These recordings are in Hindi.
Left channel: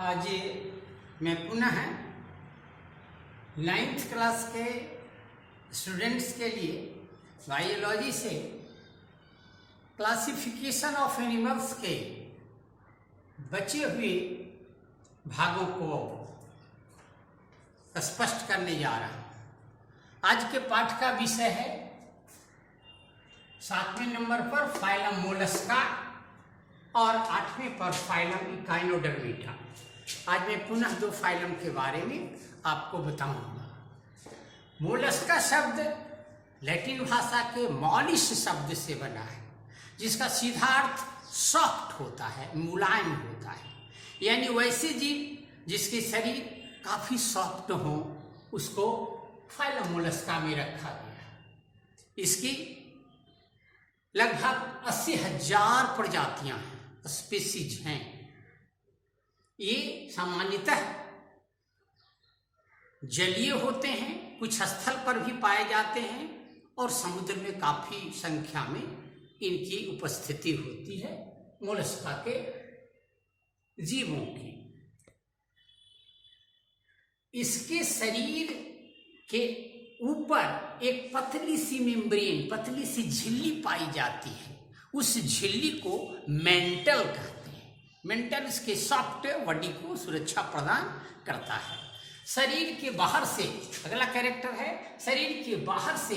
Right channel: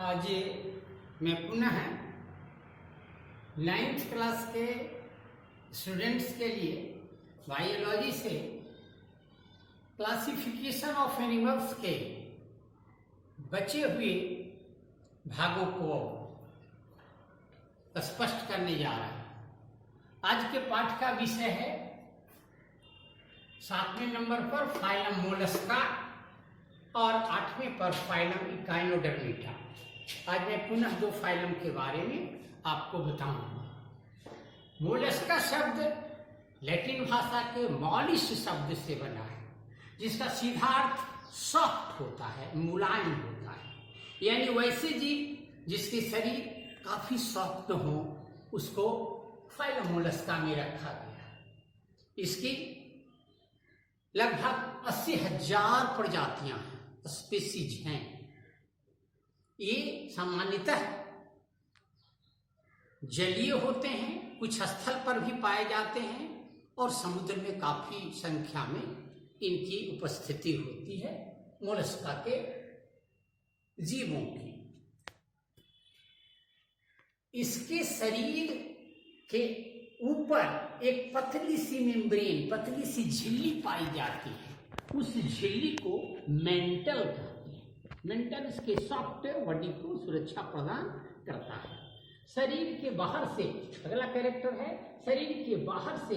आज मैं पुनः 9th क्लास के स्टूडेंट्स के लिए बायोलॉजी से क्लासिफिकेशन ऑफ एनिमल्स के बचे हुए भागों को स्पष्ट करने जा रहा हूं। आज के पाठ का विषय है 7वें नंबर पर फाइलम मोलस्का और 8वें पर फाइलम इकाइनोडर्मिटा। आज मैं पुनः दो फाइलम के बारे में आपको बताऊंगा। मोलस्का शब्द लैटिन भाषा के मॉलिस शब्द से बना है, जिसका सीधा अर्थ सॉफ्ट होता है, मुलायम होता है। यानी वैसे जीव जिसके शरीर काफी सॉफ्ट हो उसको फाइलम मोलस्का में रखा गया है। इसकी लगभग 80,000 प्रजातियां हैं, स्पीसीज हैं। ये सामान्यतः जलीय होते हैं, कुछ स्थल पर भी पाए जाते हैं और समुद्र में काफी संख्या में इनकी उपस्थिति होती है, मोलस्का के जीवों की। इसके शरीर के ऊपर एक पतली सी मेम्ब्रेन, पतली सी झिल्ली पाई जाती है। उस झिल्ली को मेंटल कहते हैं। मेंटल इसके सॉफ्ट बॉडी को सुरक्षा प्रदान करता है। शरीर के बाहर से अगला कैरेक्टर है, शरीर के बाहर से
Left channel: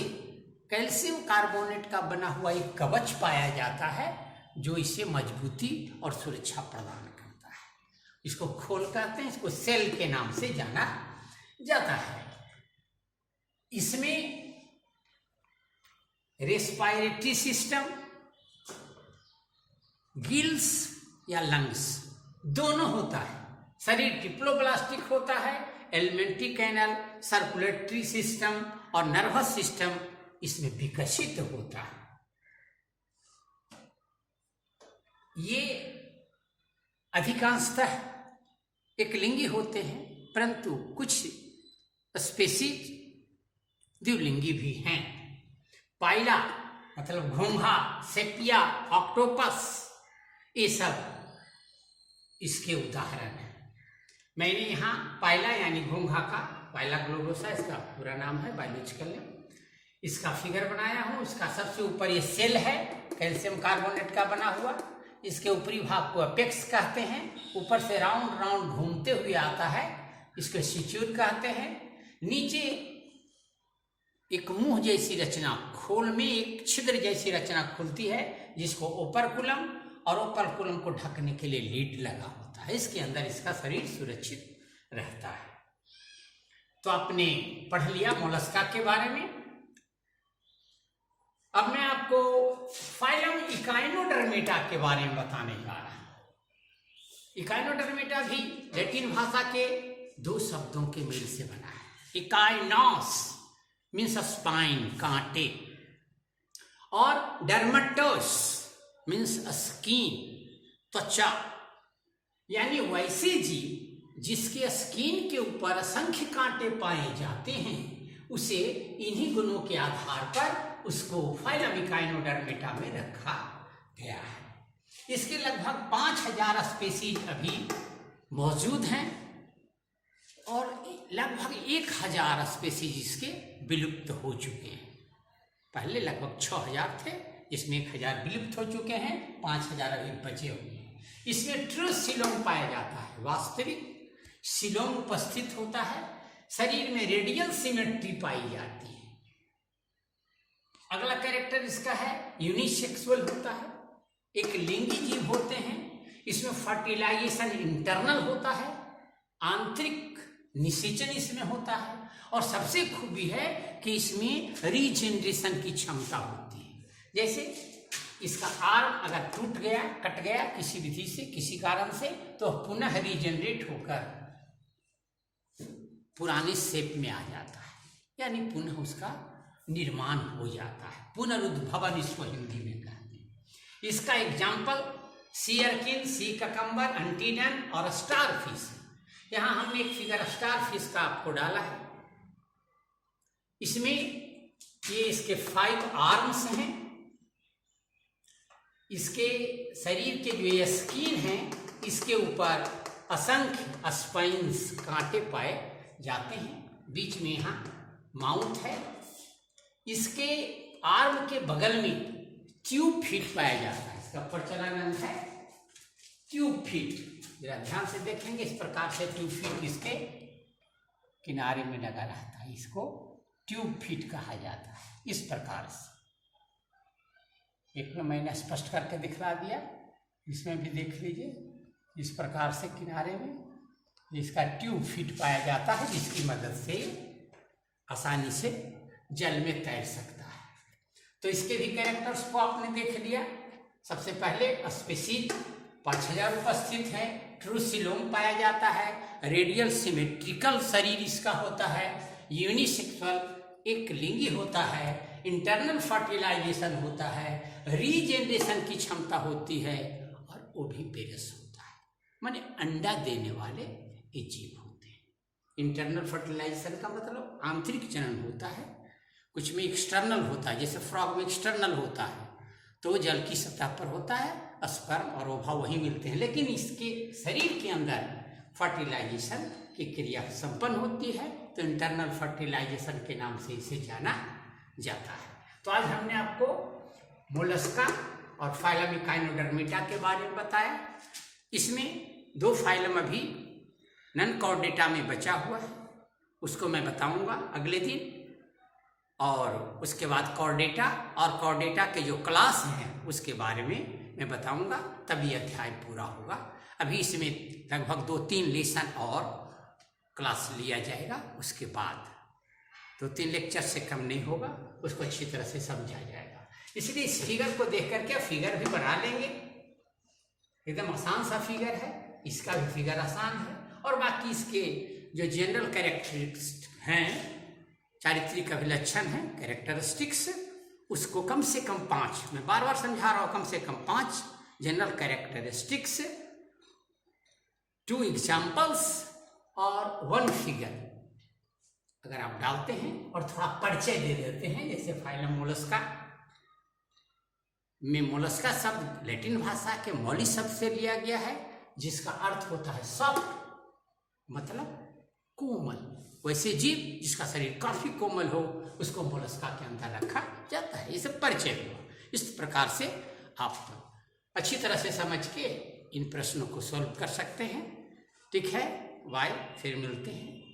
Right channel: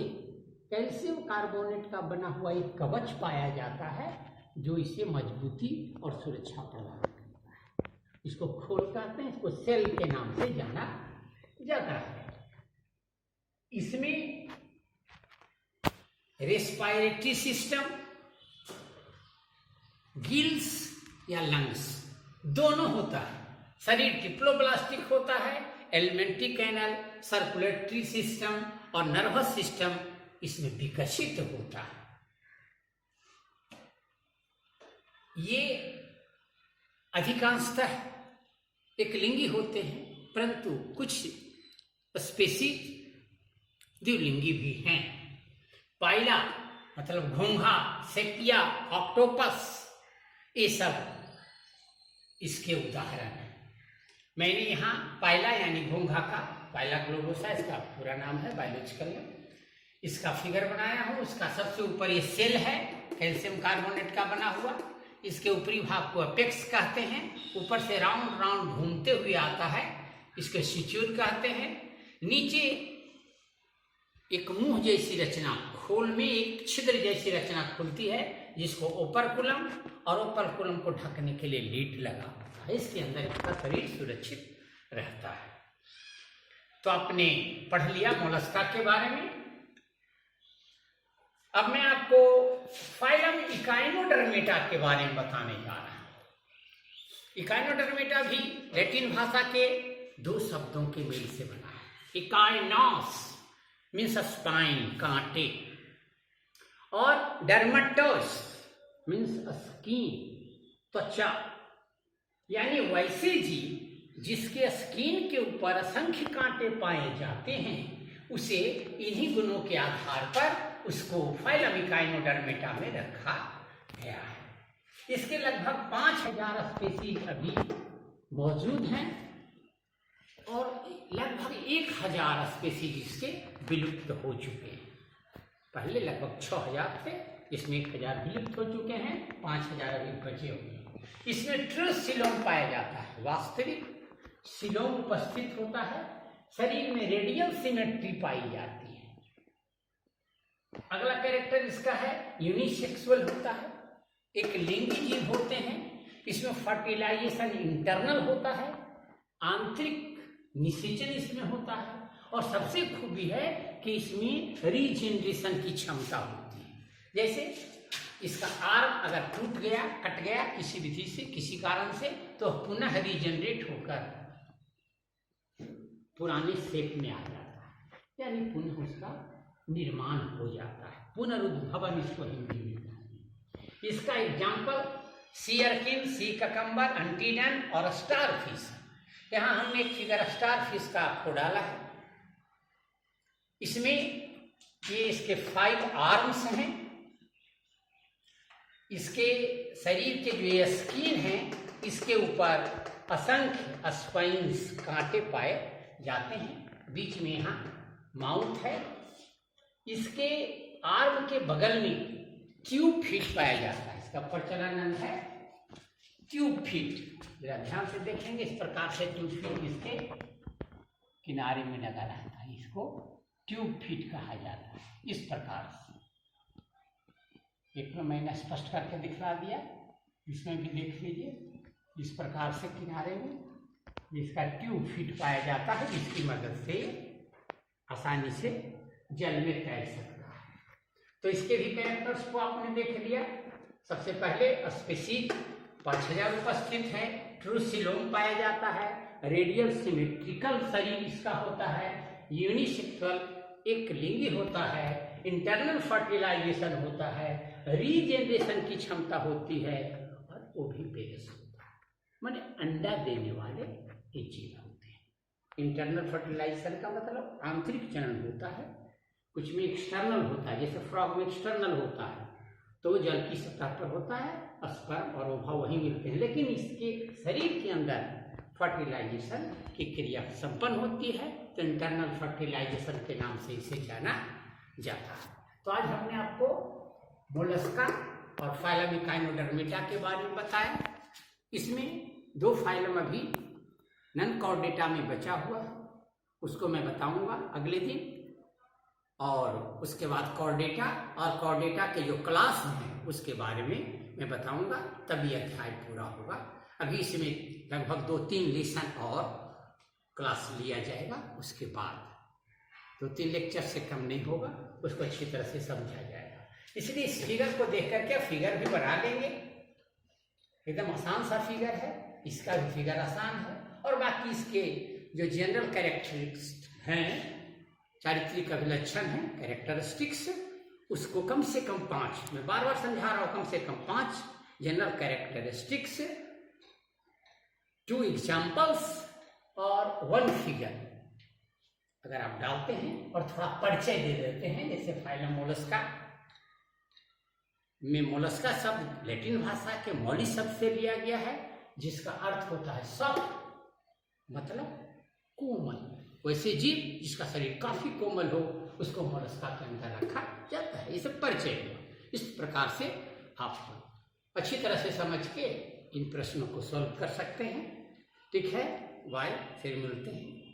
कैल्शियम कार्बोनेट का बना हुआ एक कवच पाया जाता है, जो इसे मजबूती और सुरक्षा प्रदान करता है। इसको खोल कहते हैं, इसको सेल के नाम से जाना जाता है। इसमें रेस्पिरेटरी सिस्टम, गिल्स या लंग्स दोनों होता है। शरीर डिप्लोब्लास्टिक होता है, एलिमेंट्री कैनल, सर्कुलेटरी सिस्टम और नर्वस सिस्टम इसमें विकसित होता है। ये अधिकांशतः एकलिंगी होते हैं, परंतु कुछ स्पीसीज द्विलिंगी भी हैं। पाइला मतलब घोंघा, सेपिया, ऑक्टोपस, ये सब इसके उदाहरण हैं। मैंने यहाँ पाइला यानी घोंघा का, पाइला ग्लोबोसा इसका पूरा नाम है बायोलॉजिकल नेम, इसका फिगर बनाया हूँ। इसका सबसे ऊपर ये सेल है, कैल्शियम कार्बोनेट का बना हुआ। इसके ऊपरी भाग को अपेक्स कहते हैं। ऊपर से राउंड राउंड घूमते हुए आता है, इसको सिच्यूर कहते हैं। नीचे एक मुंह जैसी रचना, खोल में एक छिद्र जैसी रचना खुलती है, जिसको ओपरकुलम, और ओपरकुलम को ढकने के लिए लीड लगा होता है। इसके अंदर इसका शरीर सुरक्षित रहता है। तो आपने पढ़ लिया मोलस्का के बारे में। अब मैं आपको फाइलम इकाइनोडर्मिटा के बारे में बताने जा रहा हूं। इकाइनोडर्मिटा भी लैटिन भाषा के दो शब्दों के मेल से बना है। इकाइनोस मीन्स स्पाइन, कांटे, और डर्मेटोस मीन्स स्किन, त्वचा। यानी वैसे जीव जिसके स्किन के ऊपर असंख्य कांटे पाए जाते हैं, उसे इन्हीं गुणों के आधार पर उसको फाइलम इकाइनोडर्मिटा में रखा गया है। इसके लगभग 5,000 स्पीसीज अभी मौजूद हैं और लगभग 1,000 स्पीसीज इसके विलुप्त हो चुके हैं। पहले लगभग 6,000 थे, इसमें 1,000 विलुप्त हो चुके हैं, 5,000 अभी बचे हुए हैं। इसमें ट्रू सिलोम पाया जाता है, वास्तविक सिलोम उपस्थित होता है। शरीर में रेडियल सिमेट्री पाई जाती है। अगला कैरेक्टर इसका है यूनिसेक्सुअल होता है, एक लिंगी जीव होते हैं। इसमें फर्टिलाइजेशन इंटरनल होता है, आंतरिक निषेचन इसमें होता है, और सबसे खूबी है कि इसमें रीजनरेशन की क्षमता होती है। जैसे इसका आर्म अगर टूट गया, कट गया किसी विधि से, किसी कारण से, तो पुनः रीजनरेट होकर पुराने शेप में आ जाता है, यानी पुनः उसका निर्माण हो जाता है। पुनरुद्भवन इसको हिंदी में कहते हैं। इसका एग्जाम्पल सीयरकिन, सी ककम्बर, अंटीडन और स्टारफिश। यहाँ हमने एक फिगर स्टारफिश का आपको डाला है। इसमें ये इसके 5 आर्म्स हैं। इसके शरीर के जो ये स्किन है, इसके ऊपर असंख्य स्पाइन्स कांटे पाए जाते हैं। बीच में यहाँ माउथ है, इसके आर्म के बगल में ट्यूब फिट पाया जाता है। इसका प्रचलन अंग है ट्यूब फिट। जरा ध्यान से देखेंगे, इस प्रकार से ट्यूब फिट इसके किनारे में लगा रहता है, इसको ट्यूब फिट कहा जाता है। इस प्रकार से एक में मैंने स्पष्ट करके दिखला दिया, इसमें भी देख लीजिए। इस प्रकार से किनारे में इसका ट्यूब फिट पाया जाता है, जिसकी मदद से आसानी से जल में तैर सकता है। तो इसके भी कैरेक्टर्स को आपने देख लिया। सबसे पहले स्पेसीज पक्षजल उपस्थित है, ट्रूसिलोम पाया जाता है, रेडियल सिमेट्रिकल शरीर इसका होता है, यूनिसेक्सुअल एक लिंगी होता है, इंटरनल फर्टिलाइजेशन होता है, रीजेनरेशन की क्षमता होती है और वो भी पेरस होता है, माने अंडा देने वाले ये जीव होते हैं। इंटरनल फर्टिलाइजेशन का मतलब आंतरिक जनन होता है, कुछ में एक्सटर्नल होता है, जैसे फ्रॉग में एक्सटर्नल होता है तो जल की सतह पर होता है, स्पर्म और ओवा वहीं मिलते हैं, लेकिन इसके शरीर के अंदर फर्टिलाइजेशन की क्रिया संपन्न होती है, तो इंटरनल फर्टिलाइजेशन के नाम से इसे जाना जाता है। तो आज हमने आपको मोलस्का और फाइलम इकाइनोडर्मिटा के बारे में बताया। इसमें 2 फाइलम अभी नन कॉर्डेटा में बचा हुआ है, उसको मैं बताऊंगा अगले दिन, और उसके बाद कॉर्डेटा और कॉर्डेटा के जो क्लास हैं उसके बारे में मैं बताऊंगा, तभी अध्याय पूरा होगा। अभी इसमें लगभग 2-3 लेसन और क्लास लिया जाएगा, उसके बाद 2-3 लेक्चर से कम नहीं होगा, उसको अच्छी तरह से समझा जाएगा। इसलिए इस फिगर को देख करके फिगर भी बना लेंगे, एकदम आसान सा फिगर है, इसका भी फिगर आसान है, और बाकी इसके जो जनरल कैरेक्टरिस्टिक्स हैं, चारित्रिक अभिलक्षण है, कैरेक्टरिस्टिक्स, उसको कम से कम 5, मैं बार बार समझा रहा हूँ, कम से कम 5 जनरल कैरेक्टरिस्टिक्स, 2 एग्जाम्पल्स और 1 फिगर अगर आप डालते हैं और थोड़ा परिचय दे देते हैं, जैसे फाइलम मोलस्का में मोलस्का शब्द लैटिन भाषा के मोली शब्द से लिया गया है, जिसका अर्थ होता है सॉफ्ट, मतलब कोमल। वैसे जीव जिसका शरीर काफी कोमल हो उसको मोलस्का के अंदर रखा जाता है। ये सब परिचय हुआ। इस प्रकार से आप अच्छी तरह से समझ के इन प्रश्नों को सॉल्व कर सकते हैं। ठीक है, बाय, फिर मिलते हैं।